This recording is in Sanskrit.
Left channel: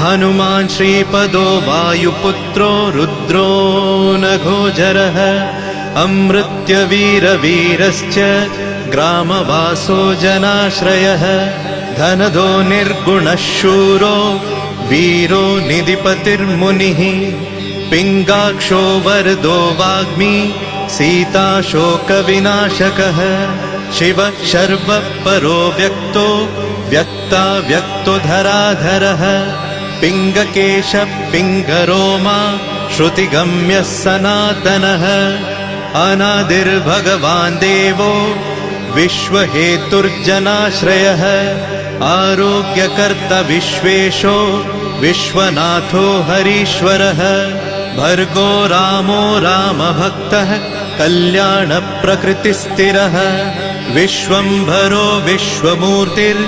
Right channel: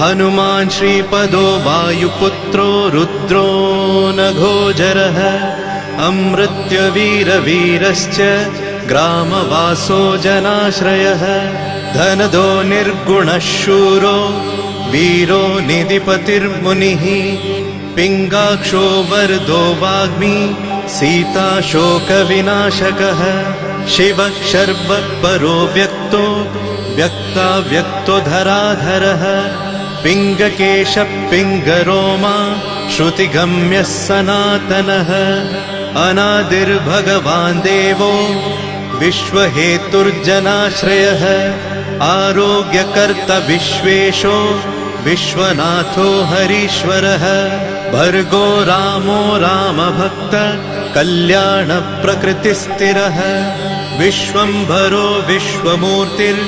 हनुमान् श्रीपदो वायुपुत्रो रुद्रो नघोजरः अमृत्यवीरवीरश्च ग्रामवासो जनाश्रयः धनदो निर्गुणः शूरो वीरो निधिपतिर्मुनिः पिङ्गाक्षो वरदो वाग्मी सीता शोकविनाशकः शिवः शर्वः परो व्यक्तो व्यक्तो धराधरः पिङ्गकेशः पिङ्गरोमा श्रुतिगम्यः सनातनः अनादिर्भगवान् देवो विश्वहेतुर्जनाश्रयः आरोग्यकर्ता विश्वेशो विश्वनाथो हरीश्वरः भर्गो रामो रामभक्तः कल्याणप्रकृतिस्थिरः विश्वम्भरो विश्वमूर्तिर्